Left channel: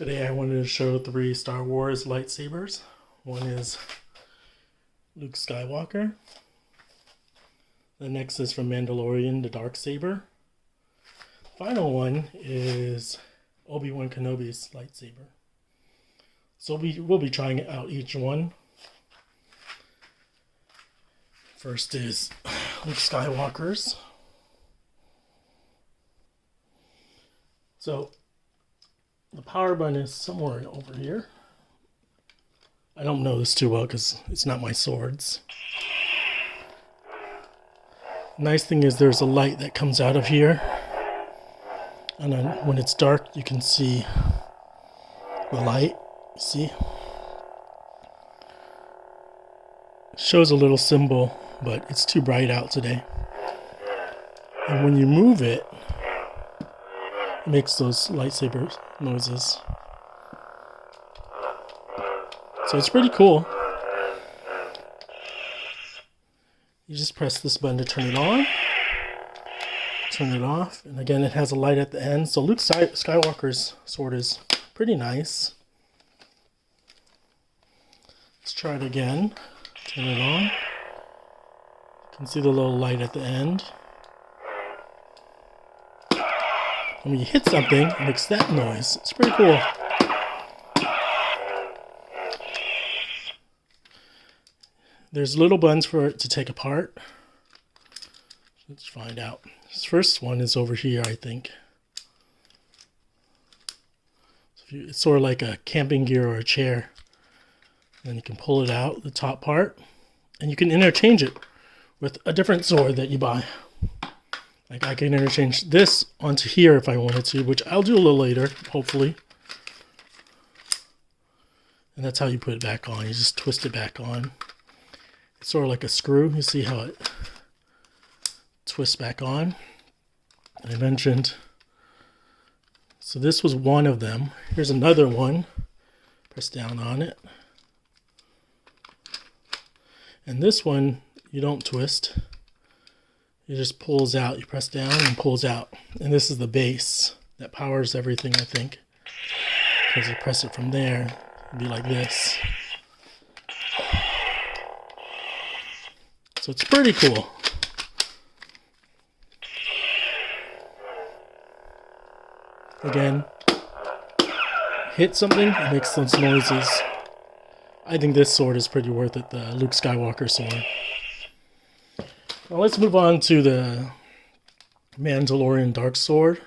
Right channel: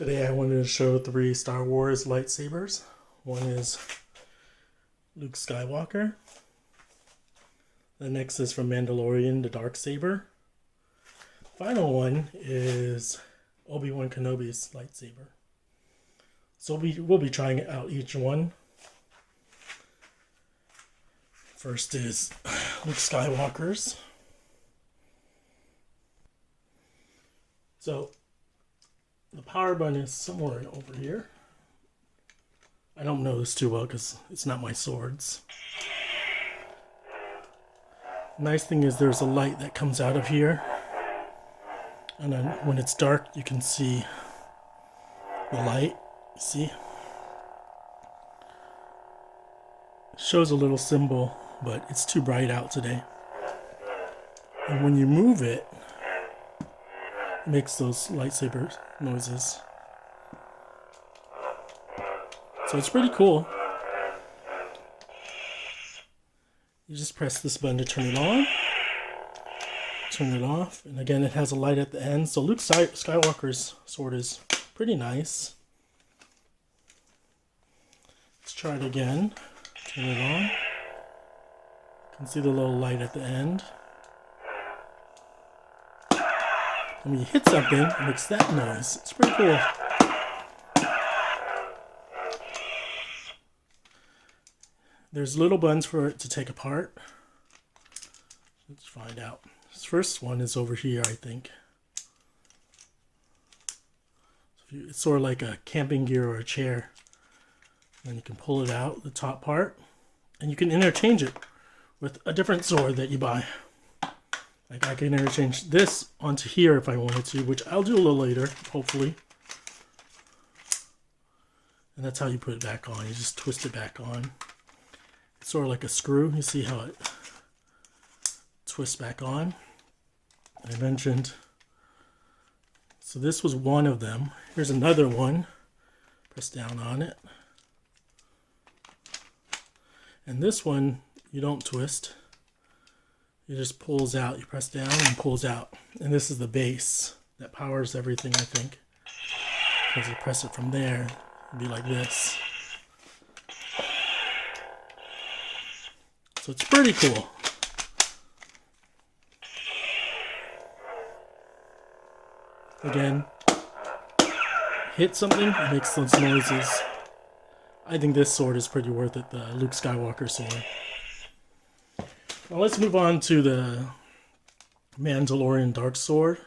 Today I wanted to show 3 Star Wars lightsabers. One is Luke Skywalker. The next is from Mandalorian, the Darksaber. The final one is Obi-Wan Kenobi's lightsaber. So we'll be trying out each one. First is Luke Skywalker's. So the power button is somewhere over here. I don't know this too well because it's not my swords. The nice thing is there's a light that comes out of here. And then when it's dark, you can see the light. See? It shows a little symbol, but it's too bright out today. And when you move it, it makes those lightsaber noises. So it's pretty cool. You just press this button to turn it on, turn it off, and again it has a light at the end. So Luke Skywalker's sword is pretty nice. Let's try it again. Turn it on. You can see the little light at the end. And when you hit something, it makes that noise. It's pretty cool. There's little buttons for it to take apart. Let's find out. This first one is over here, I think. It's sort of like a camping gear or a chair. And you can pull it out, the top part, and you can interchange it with a different sword that you buy. Like I can interchange this onto here if I wanted to, which I'll do a little later, hopefully. And that's how you put it back on. You just twist it back on. It's sort of like a screw. You see how it twists back on. I mentioned. So this was one of them. Here's another one. Press down on it. And this one, you don't twist. It just pulls out. You press down and pulls out. And this is the base that powers everything, I think. Because you press it from there, it'd be like this. So it's pretty cool. Again, hit something, it makes those noises. I think this sword is pretty worth it, the Luke Skywalker sword. Now let's move on to the Mandalorian Dark Sword.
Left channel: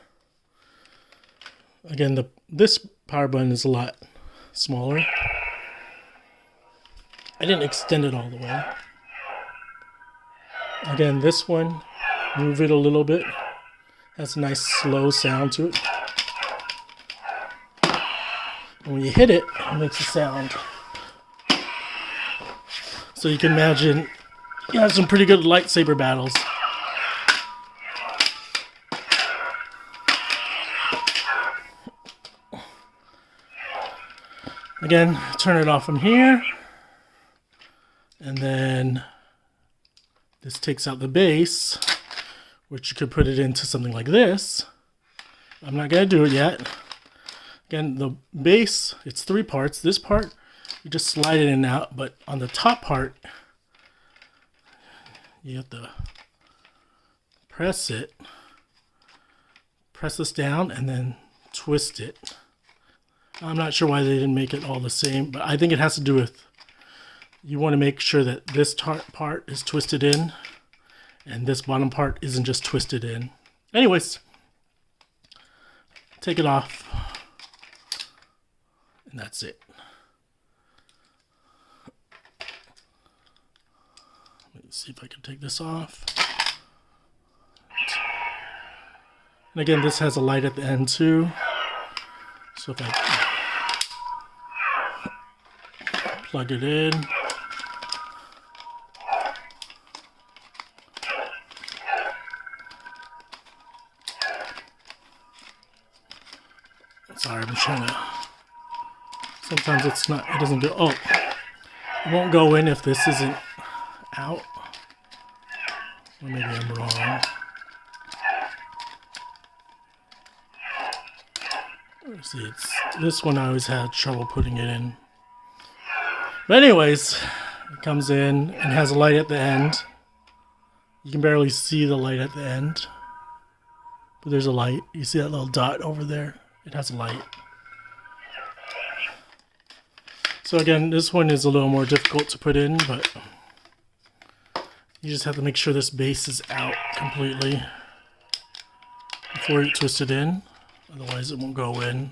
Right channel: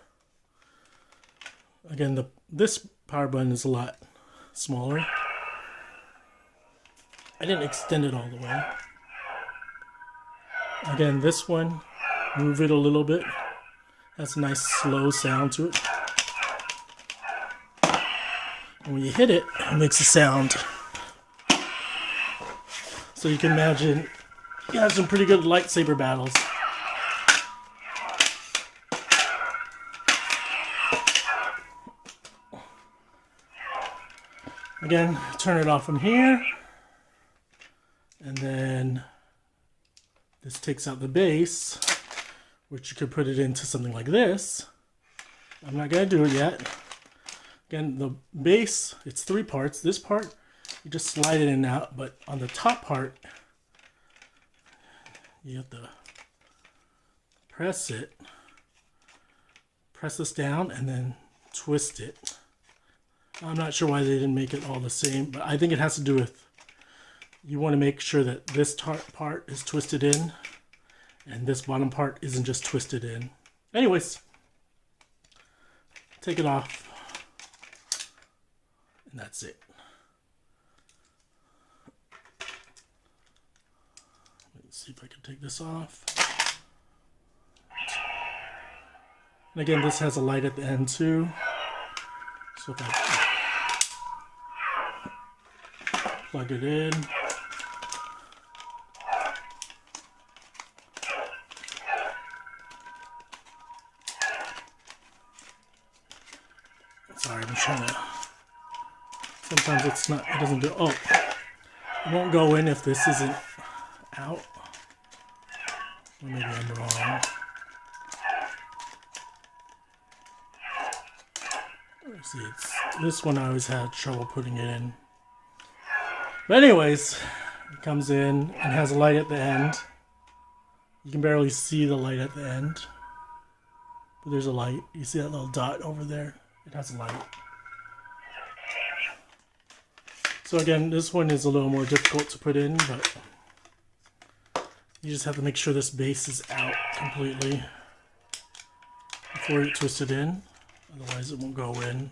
Again, this power button is a lot smaller. I didn't extend it all the way. Again, this one, move it a little bit. Has a nice slow sound to it. And when you hit it, it makes a sound. So you can imagine you have some pretty good lightsaber battles. Again, turn it off from here. And then this takes out the base, which you could put it into something like this. I'm not going to do it yet. Again, the base, it's 3 parts. This part, you just slide it in and out, but on the top part, you have to press it, press this down, and then twist it. I'm not sure why they didn't make it all the same, but I think it has to do with, you want to make sure that this part is twisted in, and this bottom part isn't just twisted in. Anyways, take it off, and that's it. See if I can take this off. And again, this has a light at the end too. So if I plug it in. Sorry, I'm trying to. Sometimes it's not, it doesn't go, oh, it won't go in if this isn't out. Or maybe I'm wrong. See, it's This one I always had trouble putting it in. But anyways, it comes in and has a light at the end. You can barely see the light at the end. But there's a light. You see that little dot over there? It has a light. So again, this one is a little more difficult to put in, but you just have to make sure this base is out completely before you twist it in. Otherwise it won't go in.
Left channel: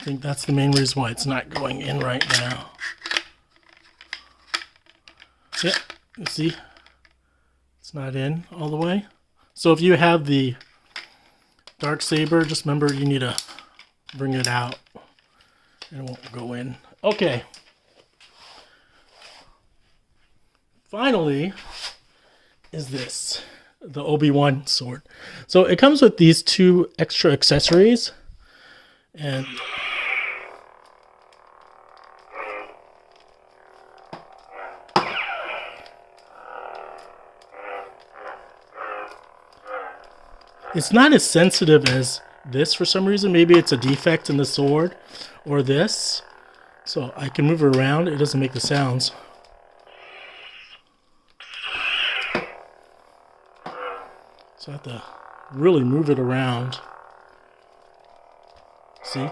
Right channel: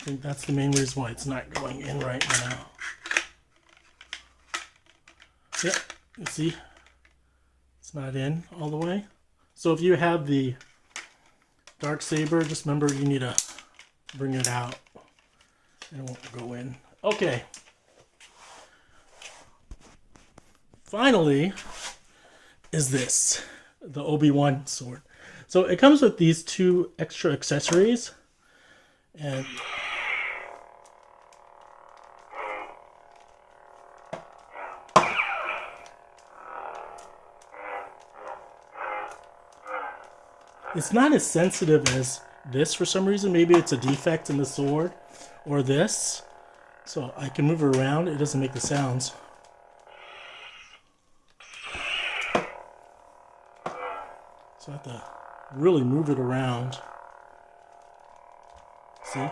I think that's the main reason why it's not going in right now. Yeah, you see? It's not in all the way. So if you have the Darksaber, just remember you need to bring it out and it won't go in. Okay. Finally is this, the Obi-Wan sword. So it comes with these 2 extra accessories, and it's not as sensitive as this for some reason. Maybe it's a defect in the sword or this. So I can move it around. It doesn't make the sounds. So I have to really move it around. See?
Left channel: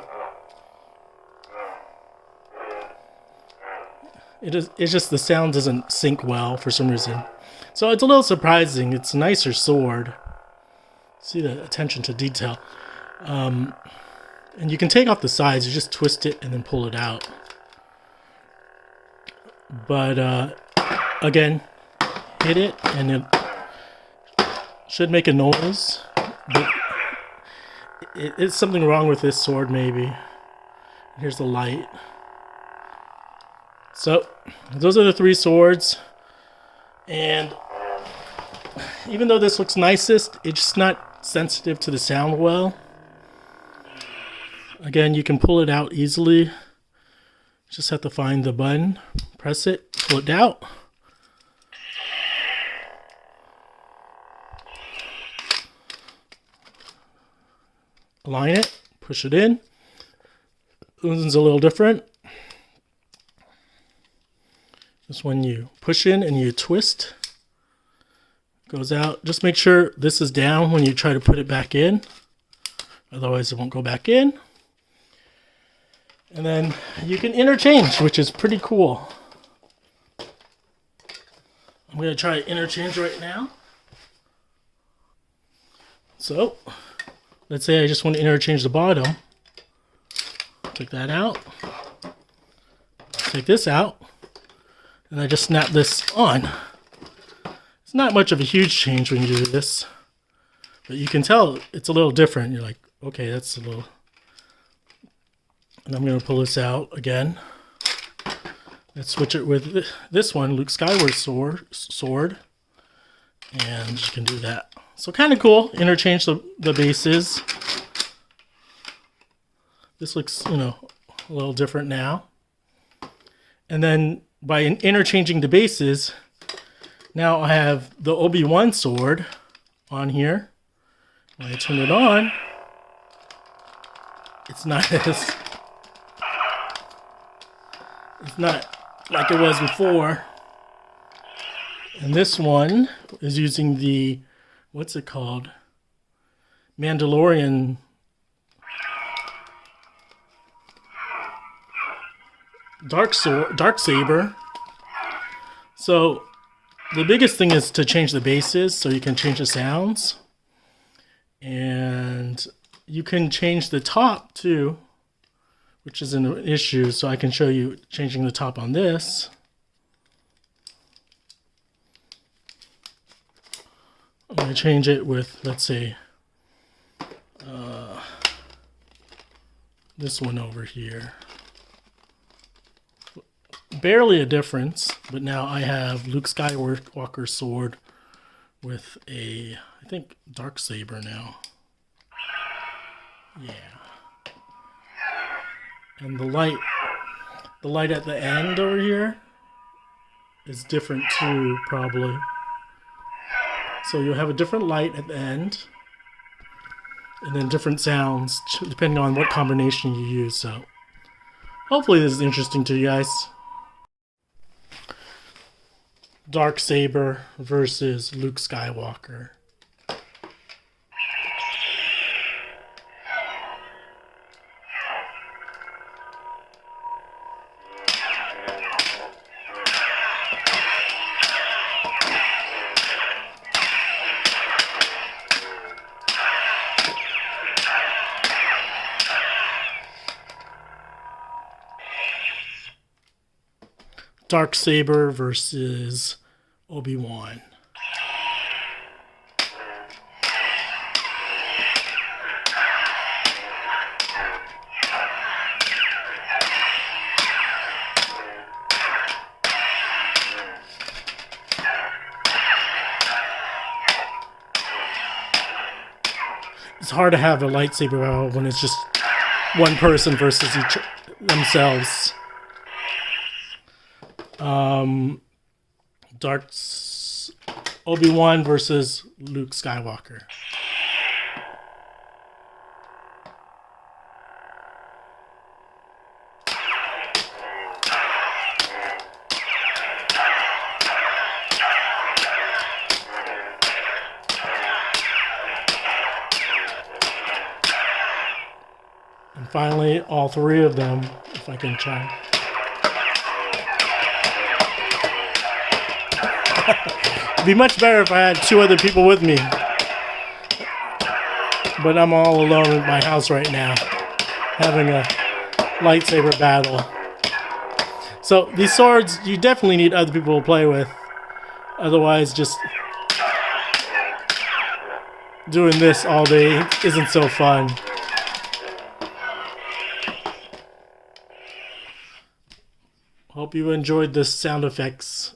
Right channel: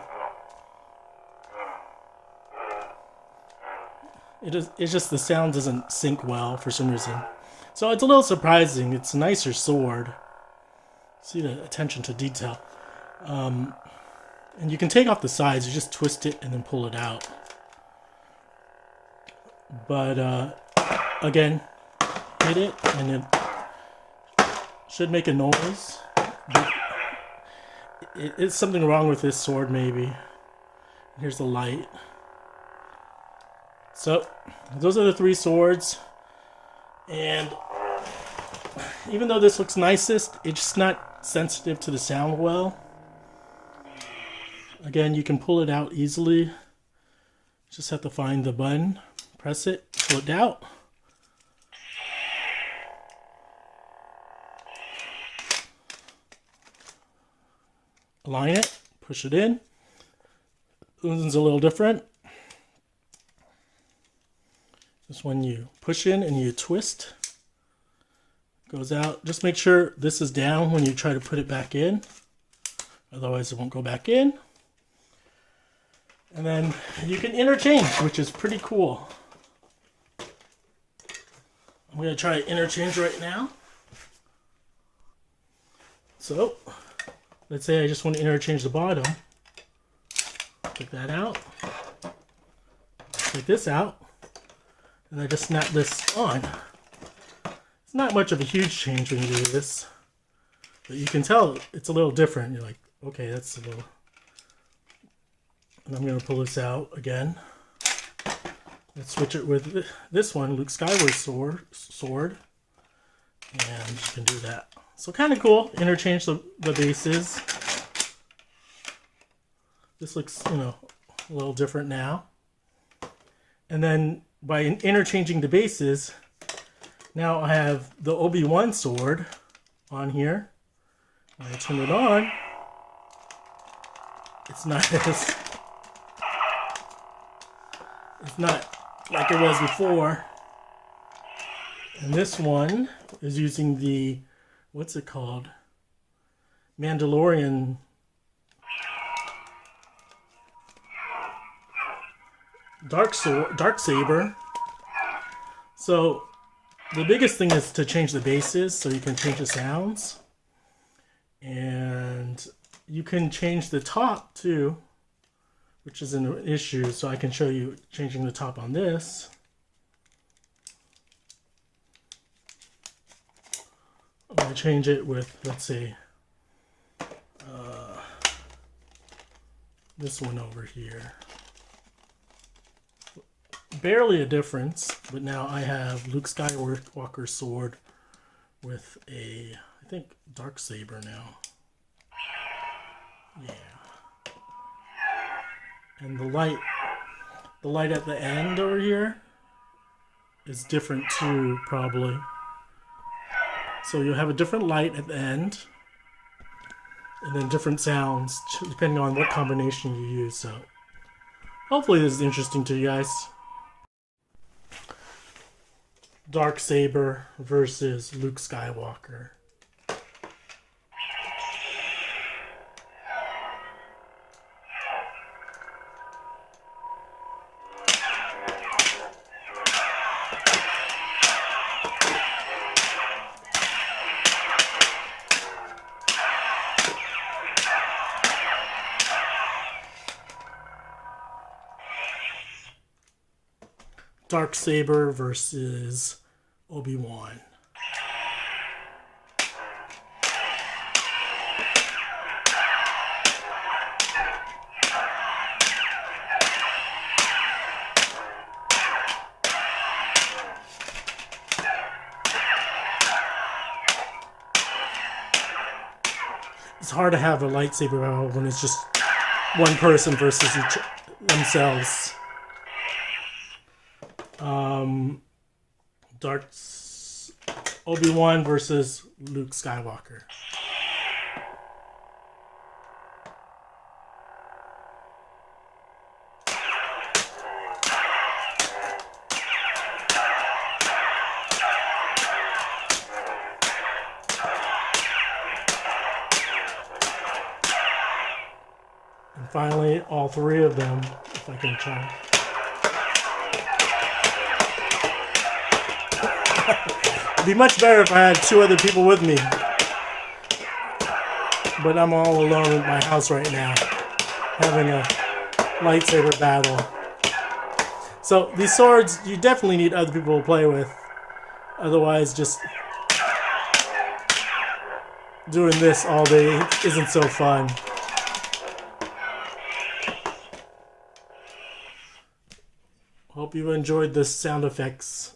It's just the sound doesn't sync well for some reason. So it's a little surprising. It's a nicer sword. See the attention to detail. And you can take off the sides. You just twist it and then pull it out. But again, hit it and it should make a noise. But it's something wrong with this sword maybe. Here's the light. So those are the 3 swords. And even though this looks nicest, it's just not sensitive to the sound well. Again, you can pull it out easily. Just have to find the button, press it, pull it out. Align it, push it in. This one's a little different. This one you push in and you twist. Goes out. Just make sure this is down when you try to put it back in. Otherwise it won't go back in. And then you can interchange, which is pretty cool. I'm going to try to interchange right now. So, let's say I just want to interchange the bottom. Take that out. Take this out. And I just snap this on. It's not much of a huge change when you do this. But you can tell it's a little different. You're like, okay, that's a little... And I'm going to pull this out again. Let's switch it with this one, Luke Skywalker's sword. And you can do that. So kind of cool. Interchange the bases. This looks, a little different now. And then by interchanging the bases, now I have the Obi-Wan sword on here. When I turn it on, it's not like it was before. And this one is using the, what's it called? Mandalorian Darksaber. So the biggest thing is to change the bases so you can change the sounds. And you can change the top too, which is an issue. So I can show you changing the top on this. I'm going to change it with, let's say, this one over here. Barely a difference, but now I have Luke Skywalker's sword with a, I think, Darksaber now. Yeah. And the light at the end over here is different too, probably. So you'll have a different light at the end. and then different sounds depending on what combination you use. So hopefully this is interesting to you guys. Darksaber versus Luke Skywalker. Darksaber versus Obi-Wan. It's hard to have a lightsaber battle when it's just one person versus each themselves. Obi-Wan versus Luke Skywalker. And finally, all three of them, if I can try. It'd be much better if I had two other people with me. But I'm all alone in my house right now, having a lightsaber battle. So these swords, you definitely need other people to play with. Otherwise, just doing this all day isn't so fun. Hope you enjoyed the sound effects.